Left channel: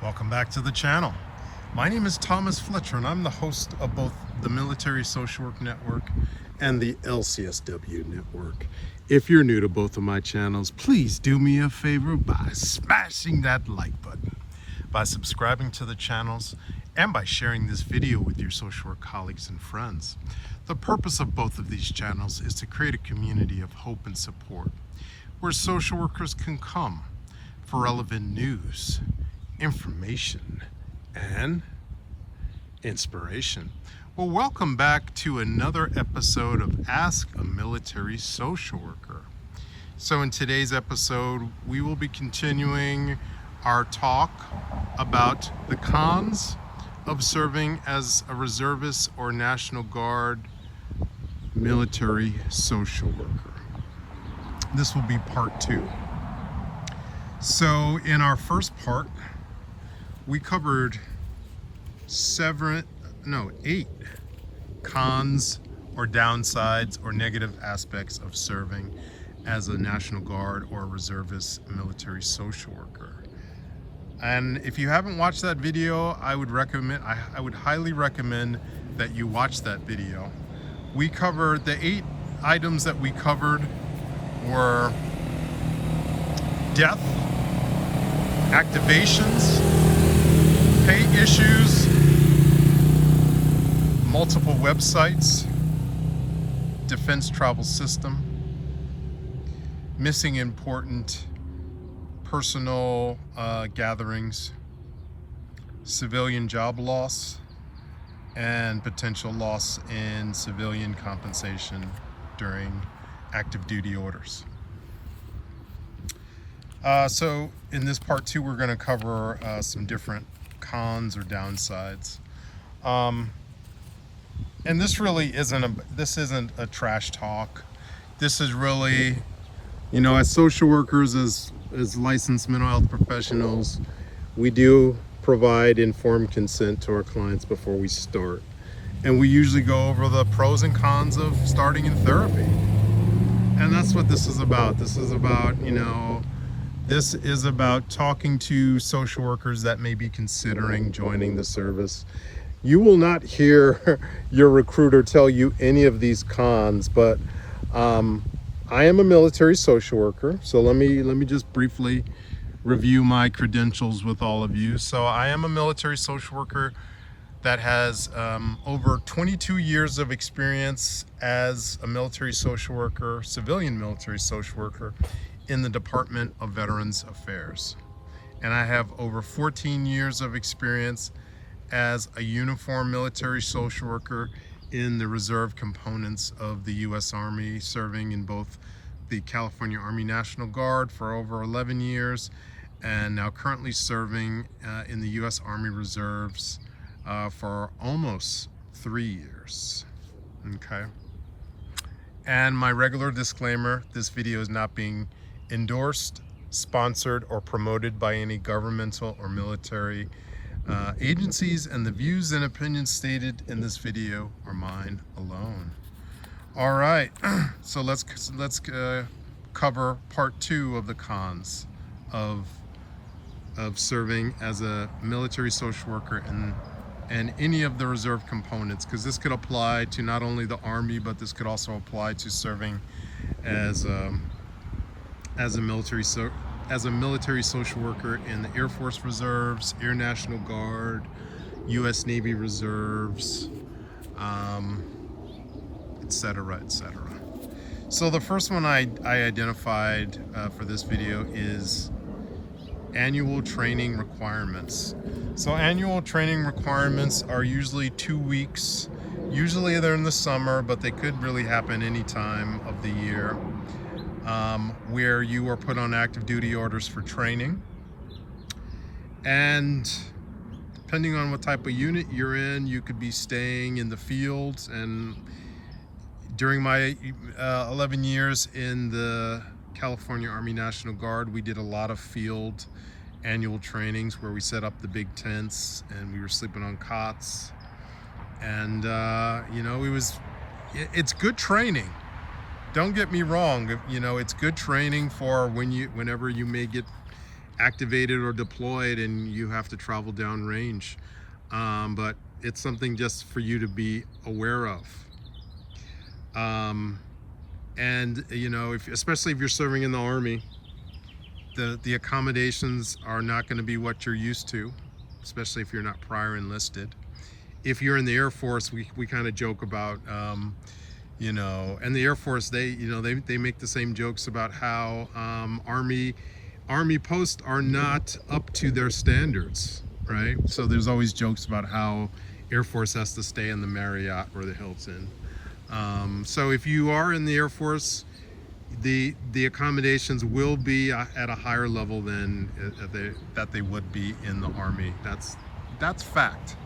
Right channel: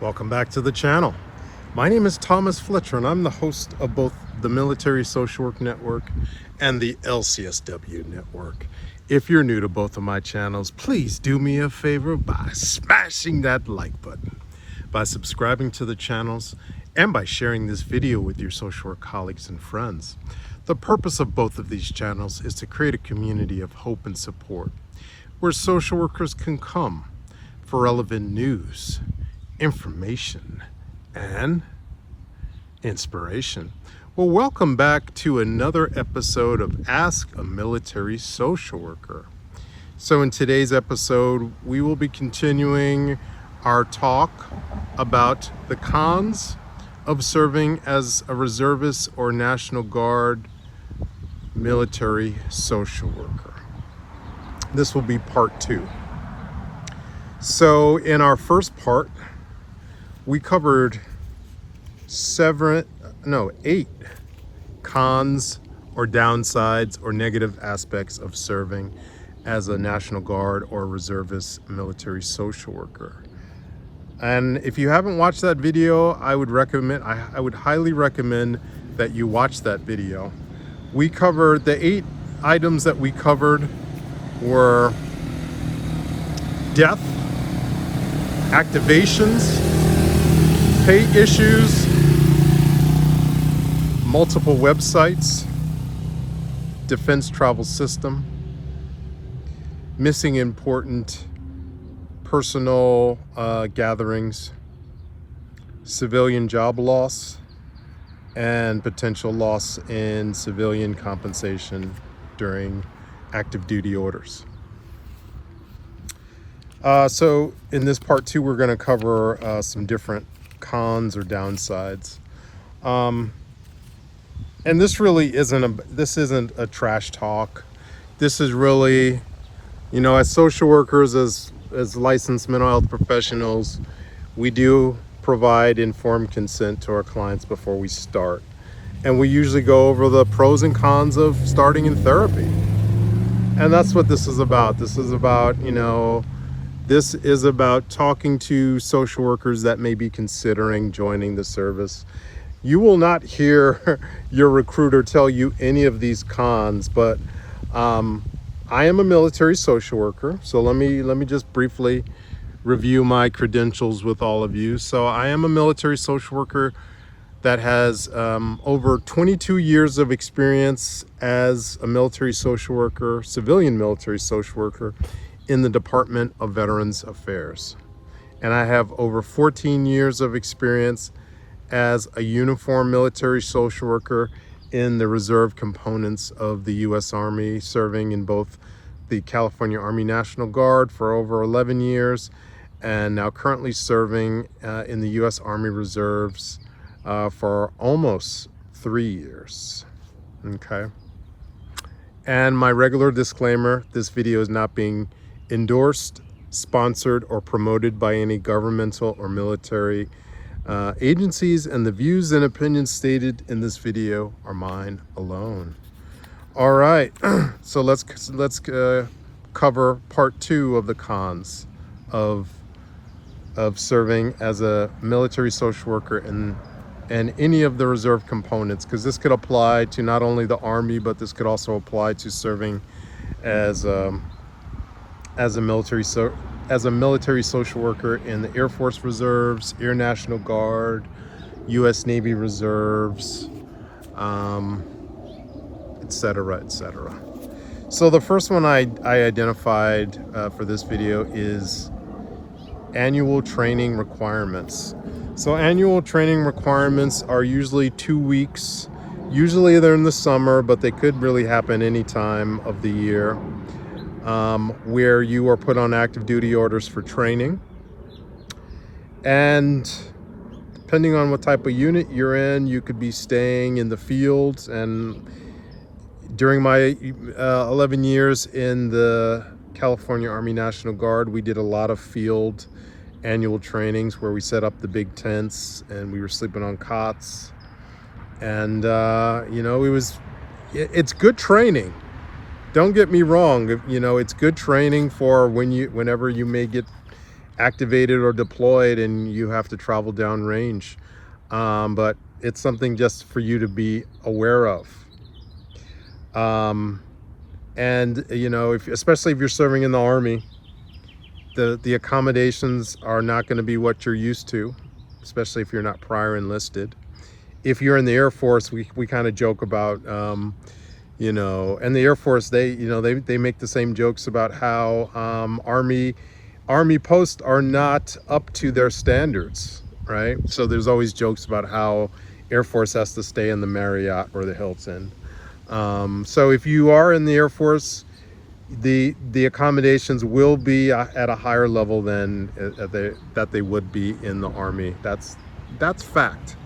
Welcome back to the channel. My name is Thomas Fletcher and I'm the host of both the Military Social Work Network and the LCSW Network. If you're new to both of my channels, please do me a favor by smashing that like button, by subscribing to the channels, and by sharing this video with your social work colleagues and friends. The purpose of both of these channels is to create a community of hope and support where social workers can come for relevant news, information, and inspiration. Well, welcome back to another episode of Ask a Military Social Worker. So in today's episode, we will be continuing our talk about the cons of serving as a reservist or National Guard military social worker. This will be part 2. So in our first part, we covered 8 cons or downsides or negative aspects of serving as a National Guard or reservist military social worker. And if you haven't watched that video, I would highly recommend that you watch that video. We covered the 8 items that we covered were death, activations, pay issues, multiple websites, defense travel system, missing important personal gatherings, civilian job loss, and potential loss in civilian compensation during active duty orders. So in this part 2, we're going to cover some different cons or downsides. And this really isn't a trash talk. This is really, as social workers, as licensed mental health professionals, we do provide informed consent to our clients before we start. And we usually go over the pros and cons of starting in therapy. And that's what this is about. This is about talking to social workers that may be considering joining the service. You will not hear your recruiter tell you any of these cons, but I am a military social worker. So let me just briefly review my credentials with all of you. So I am a military social worker that has over 22 years of experience as a military social worker, civilian military social worker in the Department of Veterans Affairs. And I have over 14 years of experience as a uniformed military social worker in the reserve components of the U.S. Army, serving in both the California Army National Guard for over 11 years, and now currently serving in the U.S. Army Reserves for almost 3 years. Okay. And my regular disclaimer, this video is not being endorsed, sponsored, or promoted by any governmental or military agencies, and the views and opinions stated in this video are mine alone. All right, so let's cover part 2 of the cons of serving as a military social worker and any of the reserve components, because this could apply to not only the Army, but this could also apply to serving as a military social worker in the Air Force Reserves, Air National Guard, USNAVY Reserves, etc., etc. So the first one I identified for this video is annual training requirements. So annual training requirements are usually 2 weeks. Usually they're in the summer, but they could really happen any time of the year, where you are put on active duty orders for training. And depending on what type of unit you're in, you could be staying in the field. And during my 11 years in the California Army National Guard, we did a lot of field annual trainings where we set up the big tents and we were sleeping on cots. And it's good training. Don't get me wrong, it's good training for whenever you may get activated or deployed and you have to travel downrange. But it's something just for you to be aware of. And you know, especially if you're serving in the Army, the accommodations are not going to be what you're used to, especially if you're not prior enlisted. If you're in the Air Force, we kind of joke about, you know, and the Air Force, they make the same jokes about how Army posts are not up to their standards, right? So there's always jokes about how Air Force has to stay in the Marriott or the Hilton. So if you are in the Air Force, the accommodations will be at a higher level than that they would be in the Army. That's fact.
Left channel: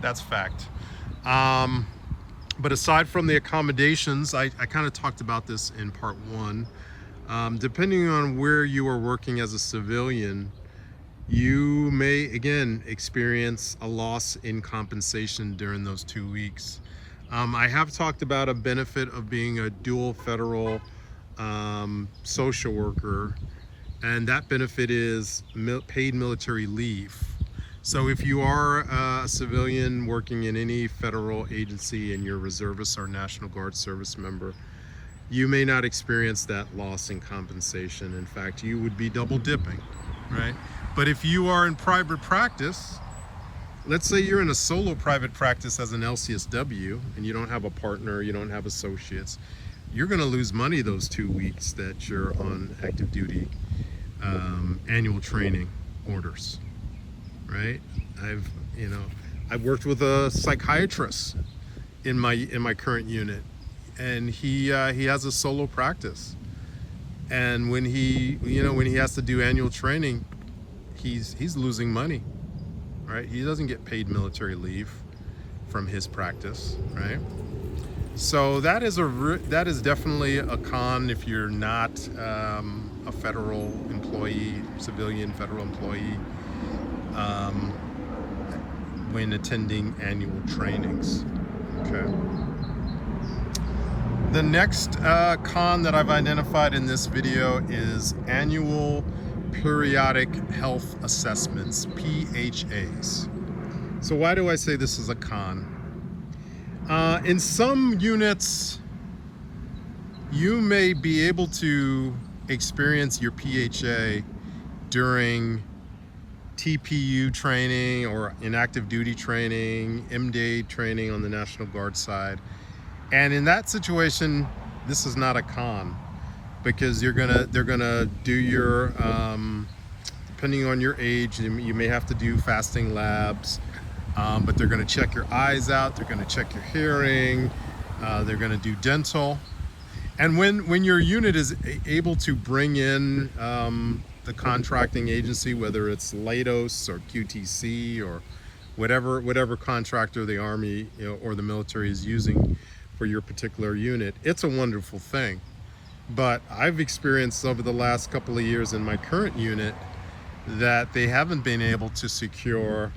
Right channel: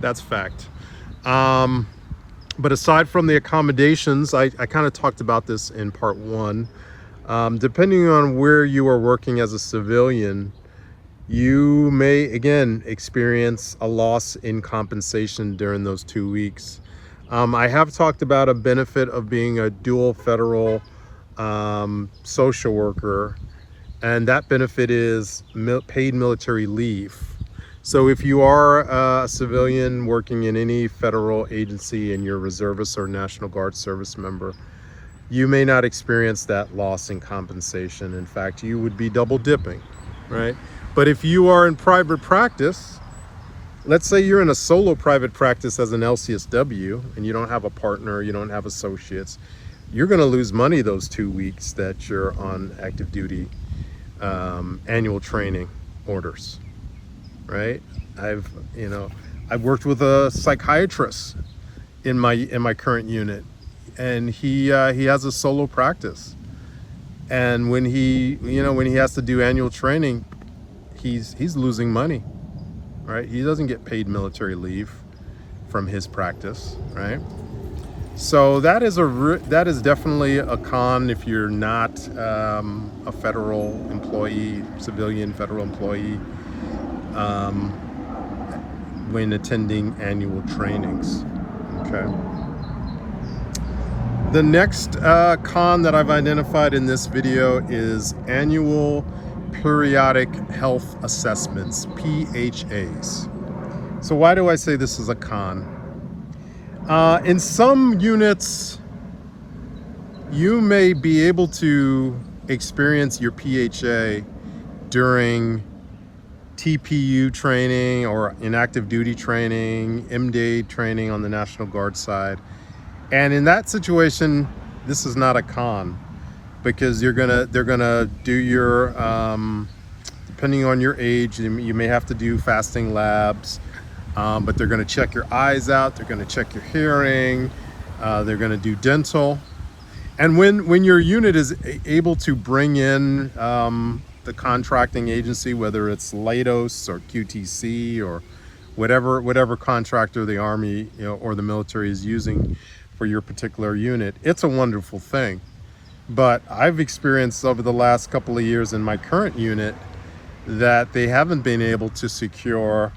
That's fact. But aside from the accommodations, I kind of talked about this in part 1. Depending on where you are working as a civilian, you may again experience a loss in compensation during those 2 weeks. I have talked about a benefit of being a dual federal social worker, and that benefit is paid military leave. So if you are a civilian working in any federal agency and you're a reservist or National Guard service member, you may not experience that loss in compensation. In fact, you would be double dipping, right? But if you are in private practice, let's say you're in a solo private practice as an LCSW and you don't have a partner, you don't have associates, you're going to lose money those 2 weeks that you're on active duty annual training orders, right? I've worked with a psychiatrist in my current unit, and he has a solo practice, and when he has to do annual training, he's losing money, right? He doesn't get paid military leave from his practice, right? So that is definitely a con if you're not a federal employee, civilian federal employee, when attending annual trainings. Okay. The next con that I've identified in this video is annual periodic health assessments, PHAs. So why do I say this is a con? In some units, you may be able to experience your PHA during TPU training or in active duty training, MDA training on the National Guard side. And in that situation, this is not a con, because they're gonna do your, depending on your age, you may have to do fasting labs. But they're going to check your eyes out, they're going to check your hearing, they're going to do dental. And when your unit is able to bring in the contracting agency, whether it's Leidos or QTC or whatever contractor the Army or the military is using for your particular unit, it's a wonderful thing. But I've experienced over the last couple of years in my current unit that they haven't been able to secure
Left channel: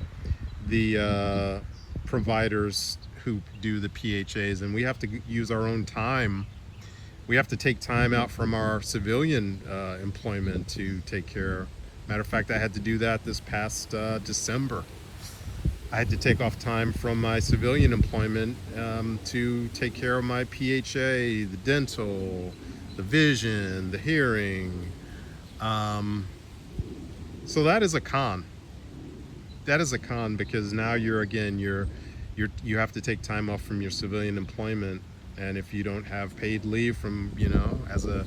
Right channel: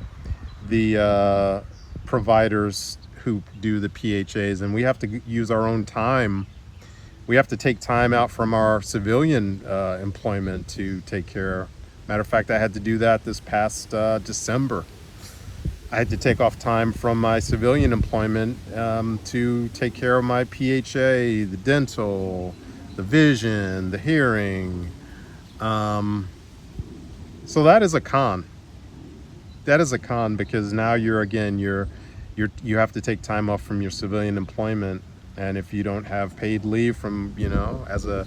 the providers who do the PHAs, and we have to use our own time. We have to take time out from our civilian employment to take care. Matter of fact, I had to do that this past December. I had to take off time from my civilian employment to take care of my PHA, the dental, the vision, the hearing. So that is a con. That is a con, because now you have to take time off from your civilian employment, and if you don't have paid leave from as a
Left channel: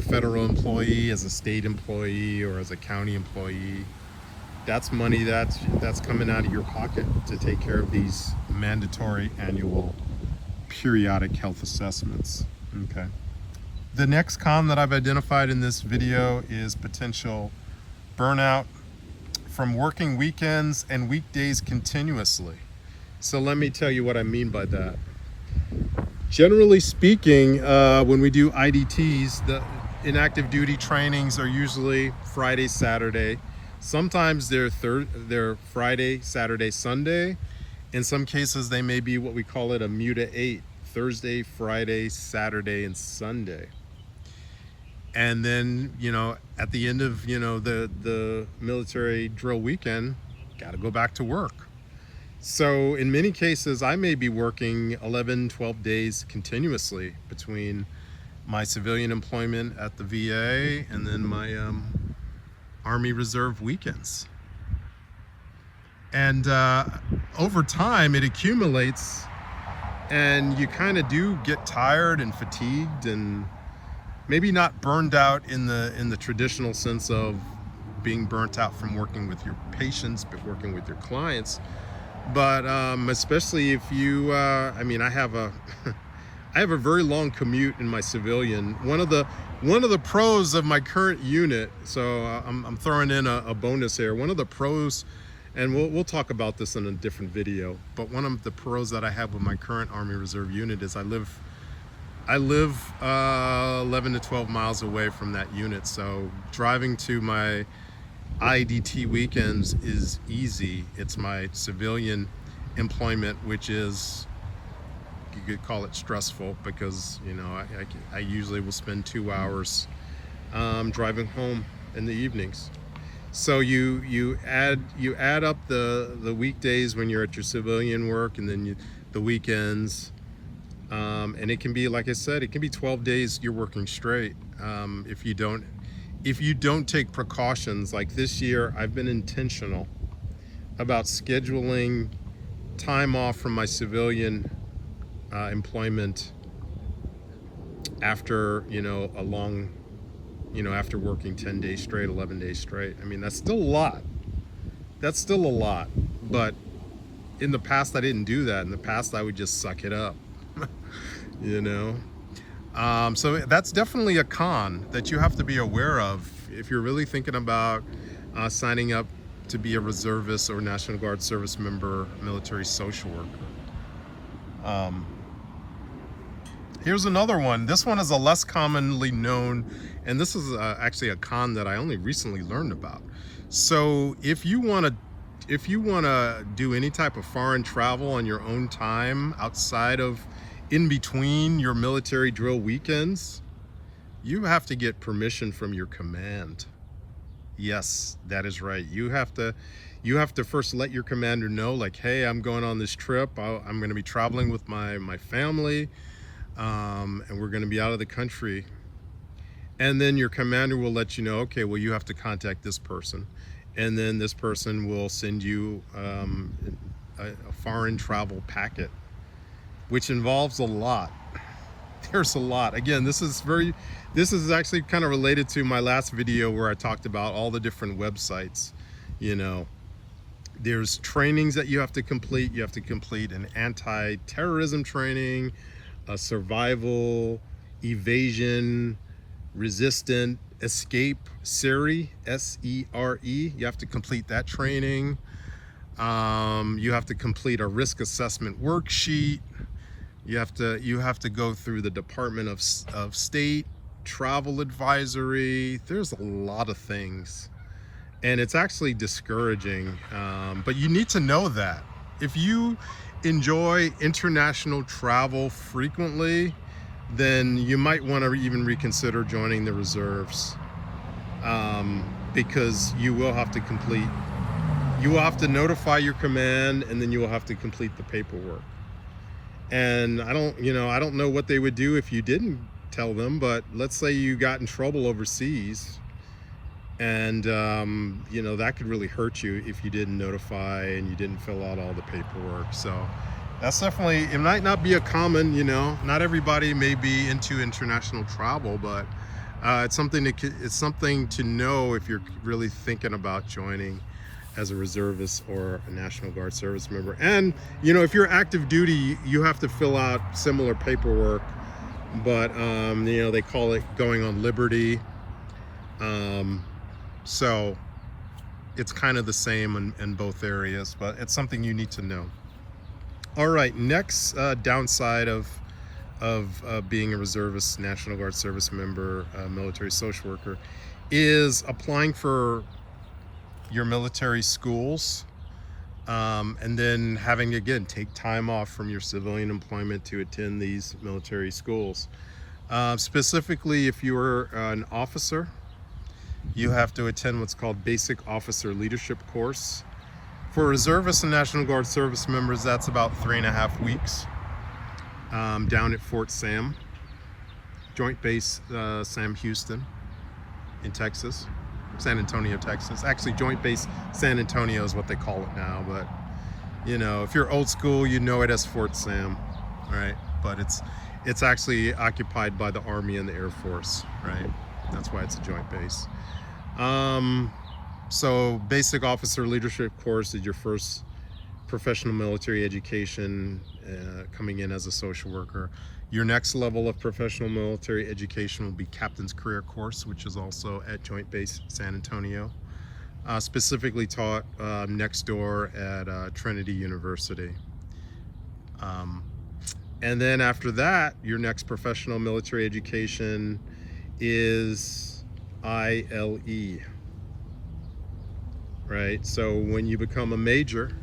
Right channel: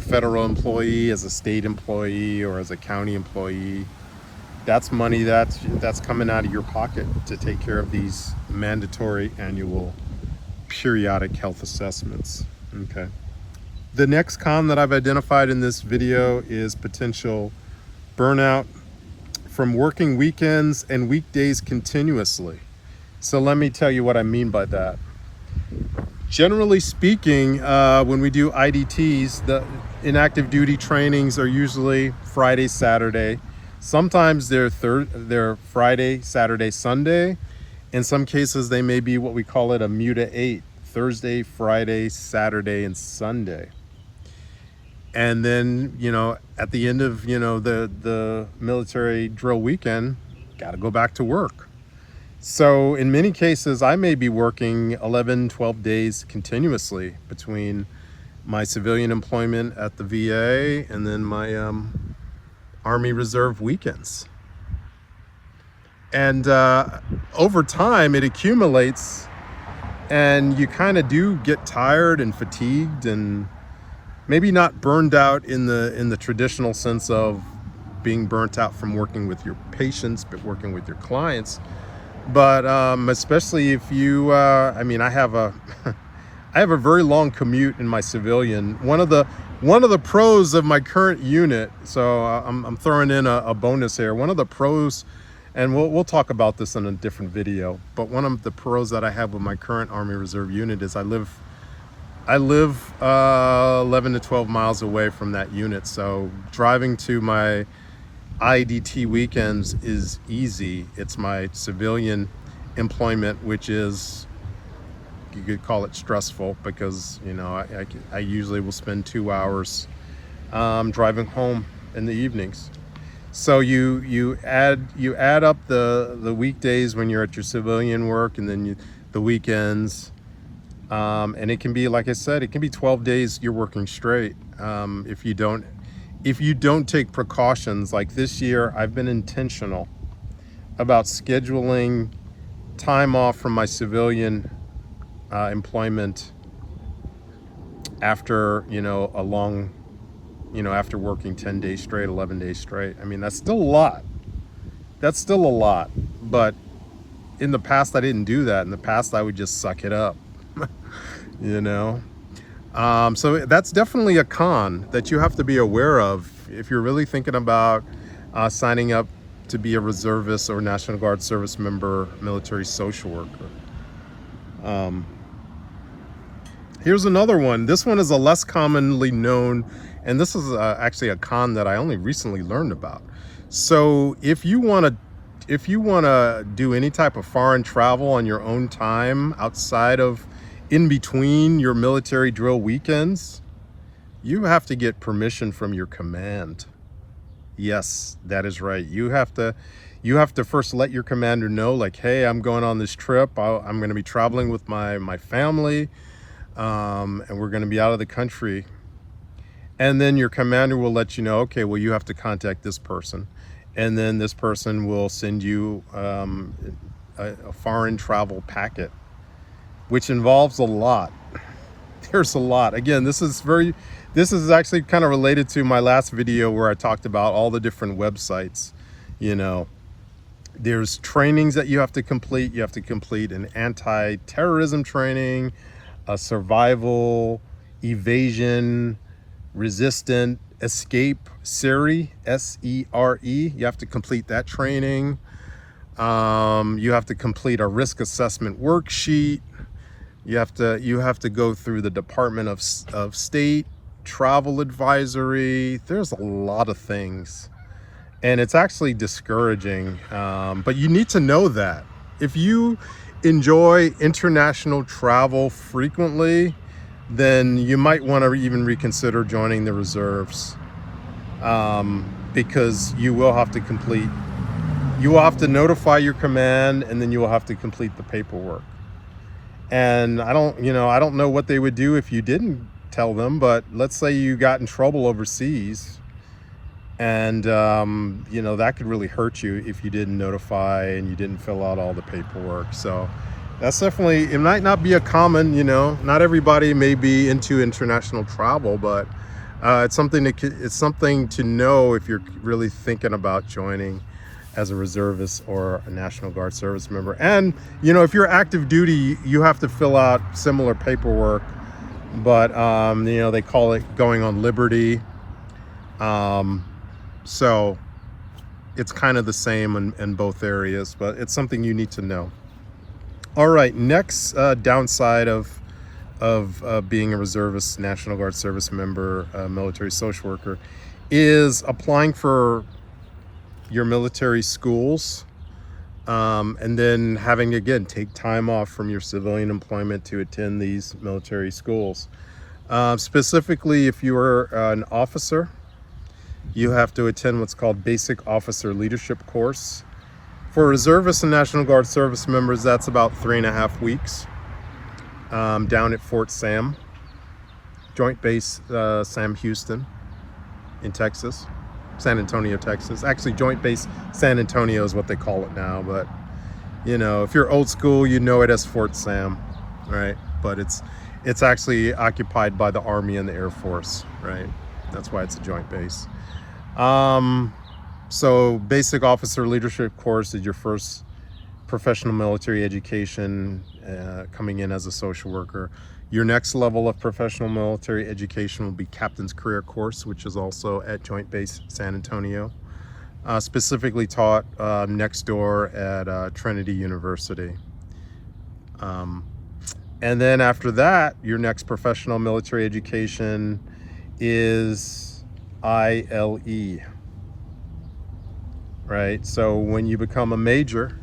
federal employee, as a state employee, or as a county employee, that's money that's coming out of your pocket to take care of these mandatory annual periodic health assessments. Okay. The next con that I've identified in this video is potential burnout from working weekends and weekdays continuously. So let me tell you what I mean by that. Generally speaking, when we do IDTs, the inactive duty trainings are usually Friday, Saturday. Sometimes they're Friday, Saturday, Sunday. In some cases, they may be what we call it a MUTA 8, Thursday, Friday, Saturday, and Sunday. And then, you know, at the end of, you know, the military drill weekend, got to go back to work. So in many cases, I may be working 11, 12 days continuously between my civilian employment at the VA and then my Army Reserve weekends. And over time, it accumulates, and you kind of do get tired and fatigued, and maybe not burned out in the traditional sense of being burnt out from working with your patients, but working with your clients. But especially if you, I mean, I have a very long commute in my civilian. One of the pros of my current unit, so I'm throwing in a bonus here. One of the pros, and we'll talk about this in a different video, but one of the pros that I have with my current Army Reserve unit is I live 11 to 12 miles away from that unit. So driving to my IDT weekends is easy. It's my civilian employment, which is, you could call it stressful, because, you know, I usually will spend 2 hours driving home in the evenings. So you add up the weekdays when you're at your civilian work, and then the weekends, and it can be, like I said, it can be 12 days you're working straight. If you don't take precautions. Like this year, I've been intentional about scheduling time off from my civilian employment after, you know, a long, you know, after working 10 days straight, 11 days straight. I mean, that's still a lot. That's still a lot. But in the past, I didn't do that. In the past, I would just suck it up, you know? So that's definitely a con that you have to be aware of if you're really thinking about signing up to be a reservist or National Guard service member, military social worker. Here's another one. This one is a less commonly known, and this is actually a con that I only recently learned about. So if you want to do any type of foreign travel on your own time outside of, in between your military drill weekends, you have to get permission from your command. Yes, that is right. You have to first let your commander know, like, hey, I'm going on this trip. I'm going to be traveling with my family, and we're going to be out of the country. And then your commander will let you know, okay, well, you have to contact this person, and then this person will send you a foreign travel packet, which involves a lot. There's a lot. Again, this is actually kind of related to my last video where I talked about all the different websites. You know, there's trainings that you have to complete. You have to complete an anti-terrorism training, a survival, evasion, resistant, escape, SERE, S-E-R-E. You have to complete that training. You have to complete a risk assessment worksheet. You have to go through the Department of State travel advisory. There's a lot of things, and it's actually discouraging. But you need to know that if you enjoy international travel frequently, then you might want to even reconsider joining the reserves, because you will have to notify your command, and then you will have to complete the paperwork. And I don't know what they would do if you didn't tell them, but let's say you got in trouble overseas, and you know, that could really hurt you if you didn't notify and you didn't fill out all the paperwork. So that's definitely, it might not be a common, you know, not everybody may be into international travel, but it's something to know if you're really thinking about joining as a reservist or a National Guard service member. And, you know, if you're active duty, you have to fill out similar paperwork, but, you know, they call it going on liberty. So it's kind of the same in both areas, but it's something you need to know. All right, next downside of being a reservist, National Guard service member, military social worker, is applying for your military schools, and then having, again, take time off from your civilian employment to attend these military schools. Specifically, if you are an officer, you have to attend what's called Basic Officer Leadership Course. For reservists and National Guard service members, that's about 3.5 weeks down at Fort Sam, Joint Base Sam Houston in Texas, San Antonio, Texas. Actually, Joint Base San Antonio is what they call it now, but you know, if you're old school, you know it as Fort Sam, right? But it's actually occupied by the Army and the Air Force, right? That's why it's a joint base. So Basic Officer Leadership Course is your first professional military education coming in as a social worker. Your next level of professional military education will be Captain's Career Course, which is also at Joint Base San Antonio, specifically taught next door at Trinity University. And then after that, your next professional military education is ILE, right? So when you become a major,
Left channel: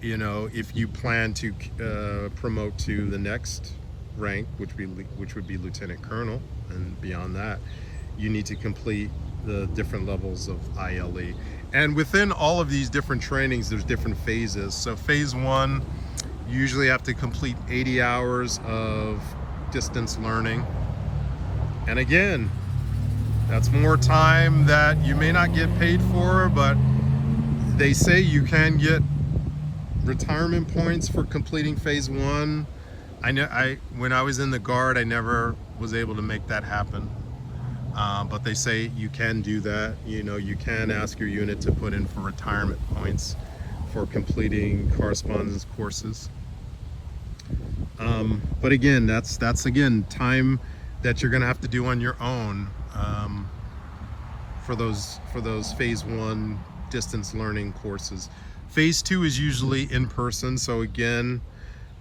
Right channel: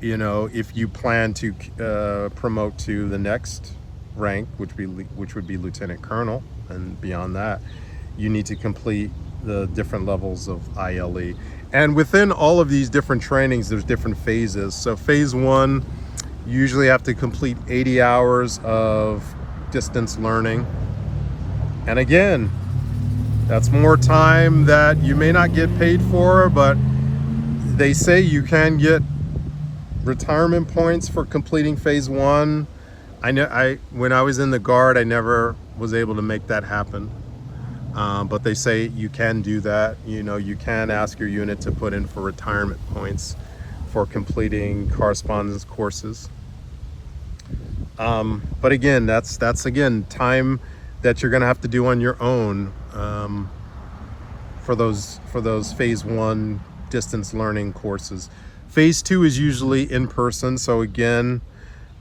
you know, if you plan to promote to the next rank, which would be Lieutenant Colonel, and beyond that, you need to complete the different levels of ILE. And within all of these different trainings, there's different phases. So phase 1, you usually have to complete 80 hours of distance learning. And again, that's more time that you may not get paid for, but they say you can get retirement points for completing phase 1. When I was in the Guard, I never was able to make that happen. But they say you can do that. You know, you can ask your unit to put in for retirement points for completing correspondence courses. But again, that's again time that you're going to have to do on your own for those phase 1 distance learning courses. Phase 2 is usually in person, so again,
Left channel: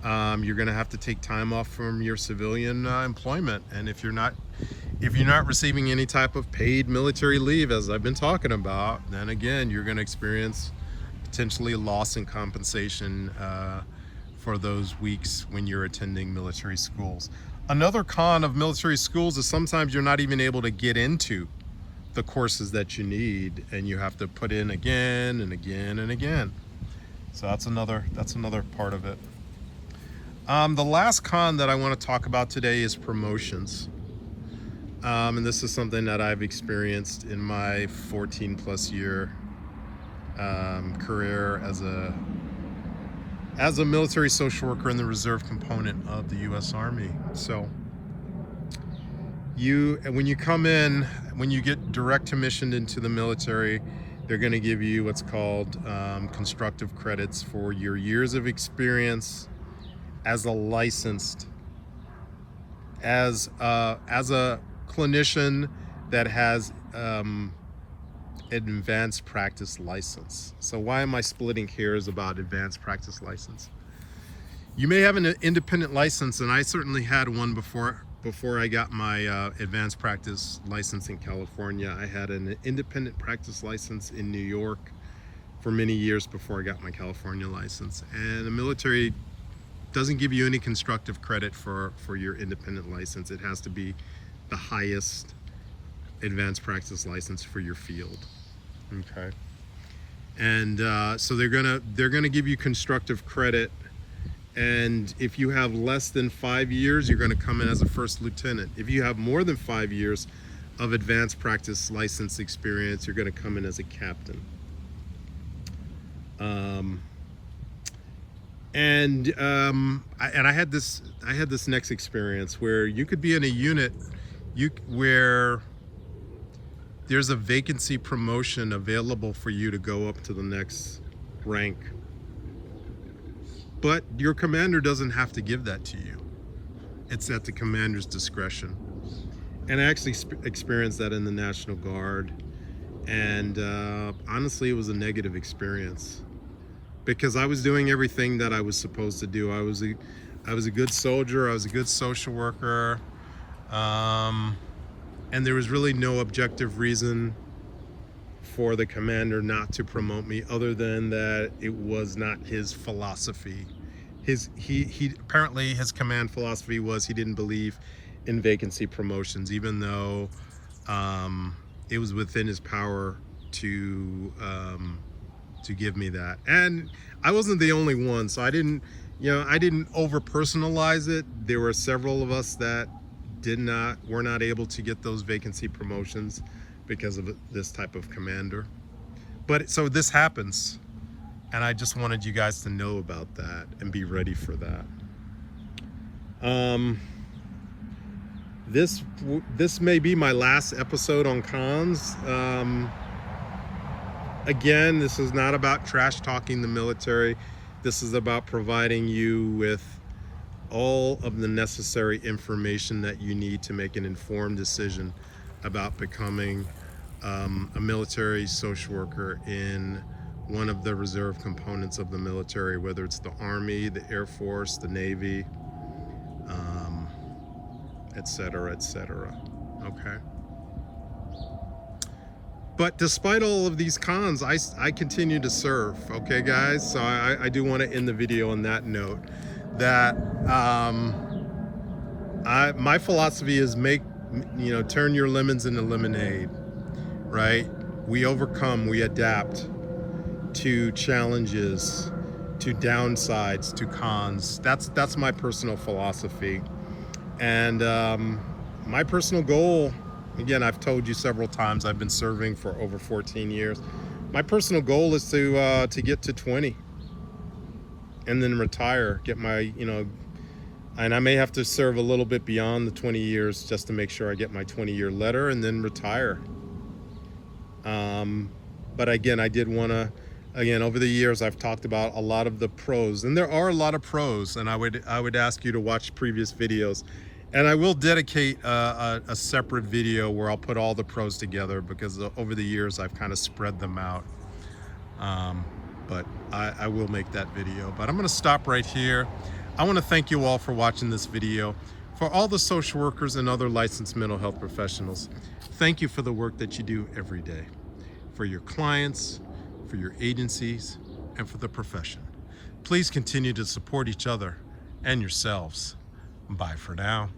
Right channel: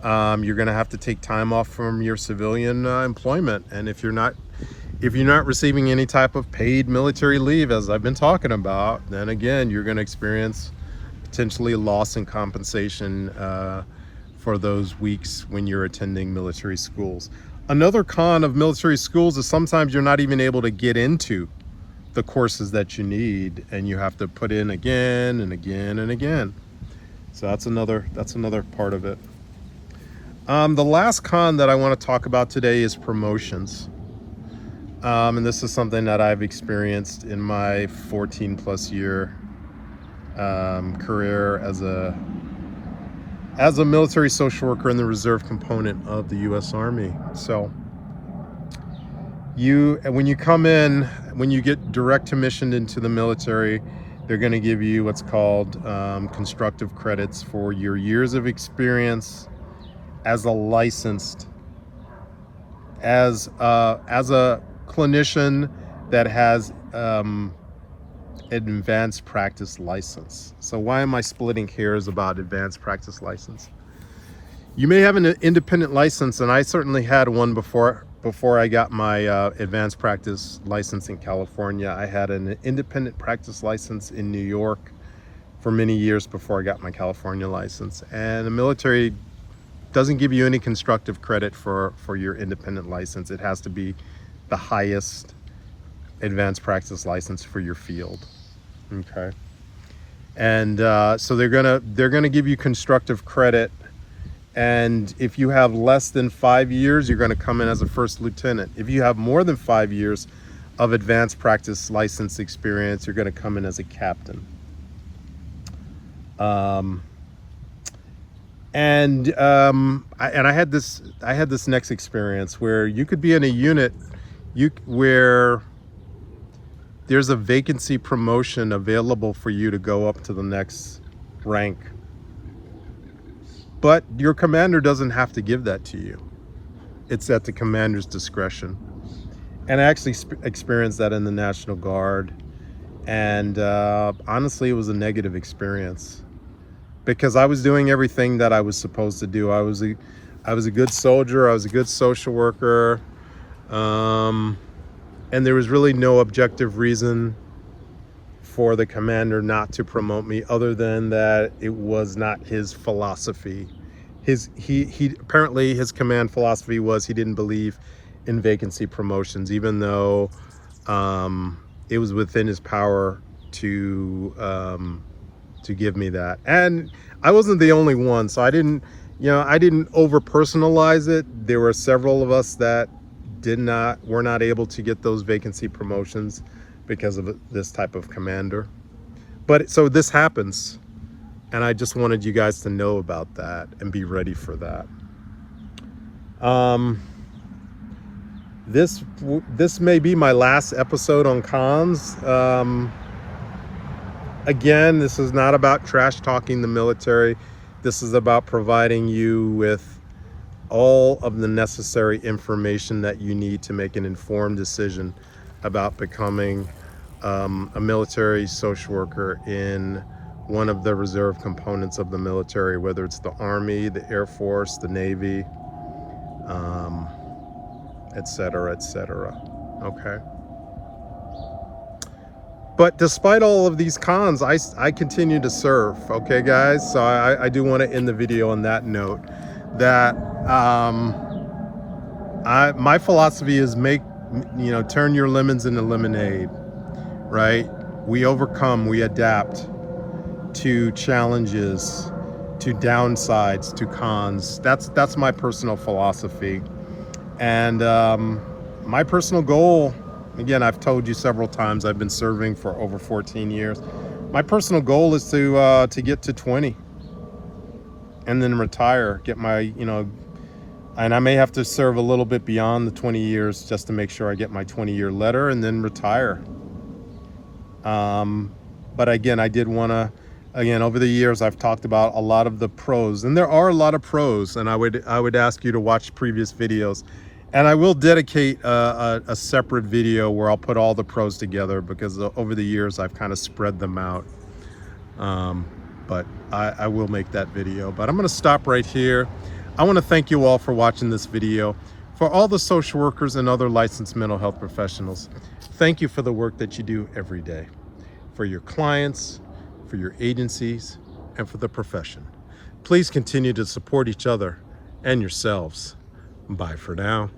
you're going to have to take time off from your civilian employment, and if you're not receiving any type of paid military leave, as I've been talking about, then again, you're going to experience potentially a loss in compensation for those weeks when you're attending military schools. Another con of military schools is sometimes you're not even able to get into the courses that you need, and you have to put in again and again and again. So that's another part of it. The last con that I want to talk about today is promotions. And this is something that I've experienced in my 14+ year career as a military social worker in the reserve component of the U.S. Army. So when you come in, when you get direct commissioned into the military, they're going to give you what's called constructive credits for your years of experience as a licensed, as a clinician that has an advanced practice license. So why am I splitting hairs about advanced practice license? You may have an independent license, and I certainly had one before I got my advanced practice license in California. I had an independent practice license in New York for many years before I got my California license. And the military doesn't give you any constructive credit for your independent license. It has to be the highest advanced practice license for your field. Okay. And so they're gonna give you constructive credit. And if you have less than 5 years, you're going to come in as a first lieutenant. If you have more than 5 years of advanced practice license experience, you're going to come in as a captain. And I had this next experience where you could be in a unit where there's a vacancy promotion available for you to go up to the next rank. But your commander doesn't have to give that to you. It's at the commander's discretion. And I actually experienced that in the National Guard. And honestly, it was a negative experience because I was doing everything that I was supposed to do. I was a good soldier. I was a good social worker. And there was really no objective reason for the commander not to promote me other than that it was not his philosophy, he apparently his command philosophy was he didn't believe in vacancy promotions, even though it was within his power to give me that. And I wasn't the only one, so I didn't over personalize it. There were several of us that were not able to get those vacancy promotions because of this type of commander. But so this happens, and I just wanted you guys to know about that and be ready for that. This may be my last episode on comms. Again, this is not about trash talking the military. This is about providing you with all of the necessary information that you need to make an informed decision about becoming a military social worker in one of the reserve components of the military, whether it's the Army, the Air Force, the Navy, etc., etc. Okay. But despite all of these cons, I continue to serve. Okay, guys. So I do want to end the video on that note. That my philosophy is turn your lemons into lemonade. Right? We overcome, we adapt to challenges, to downsides, to cons. That's my personal philosophy. And my personal goal, again, I've told you several times, I've been serving for over 14 years. My personal goal is to get to 20 and then retire, get my, and I may have to serve a little bit beyond the 20 years just to make sure I get my 20-year letter and then retire. But again, I did want to, over the years, I've talked about a lot of the pros, and there are a lot of pros, and I would ask you to watch previous videos, and I will dedicate a separate video where I'll put all the pros together, because over the years I've kind of spread them out. But I will make that video. But I'm going to stop right here. I want to thank you all for watching this video. For all the social workers and other licensed mental health professionals, thank you for the work that you do every day, for your clients, for your agencies, and for the profession. Please continue to support each other and yourselves. Bye for now.